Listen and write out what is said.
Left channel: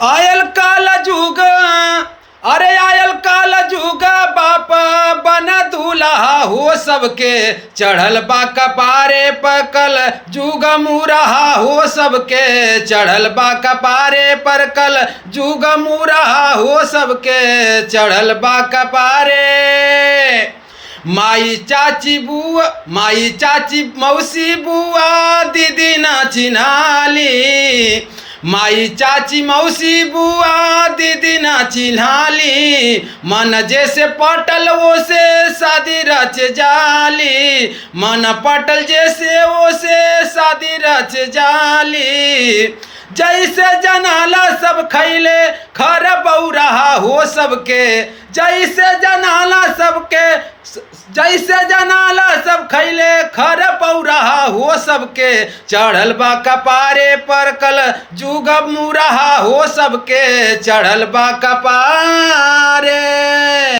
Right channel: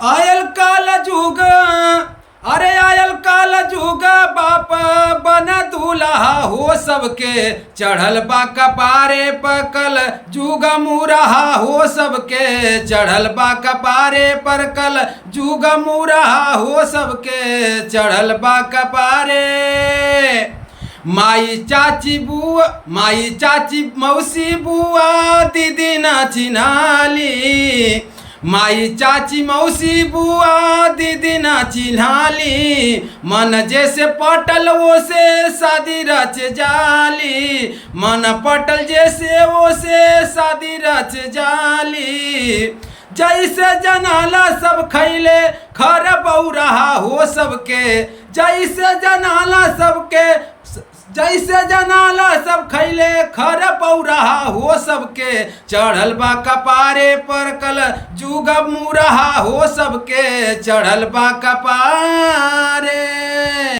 आयल काल जुग, अरे आयल काल जुग, बाप बना दूल्हा हो सबके, चढ़ल बा कपारे पर कल जुग मुरहा हो सबके, चढ़ल बा कपारे पर कल जुग मुरहा हो सबके, चढ़ल बा कपारे। माई चाची बुआ, माई चाची मौसी बुआ दीदी ना चिन्हाली, माई चाची मौसी बुआ दीदी ना चिन्हाली, मन जैसे पटल वो से शादी रच जाली, मन पटल जैसे वो से शादी रच जाली। जैसे जनाला सब खैले खर बौरहा हो सबके, जैसे जनाला सबके, जैसे जनाला सब खैले खर पौरहा हो सबके, चढ़ल बा कपारे पर कल जुग मुरहा हो सबके, चढ़ल बा कपार।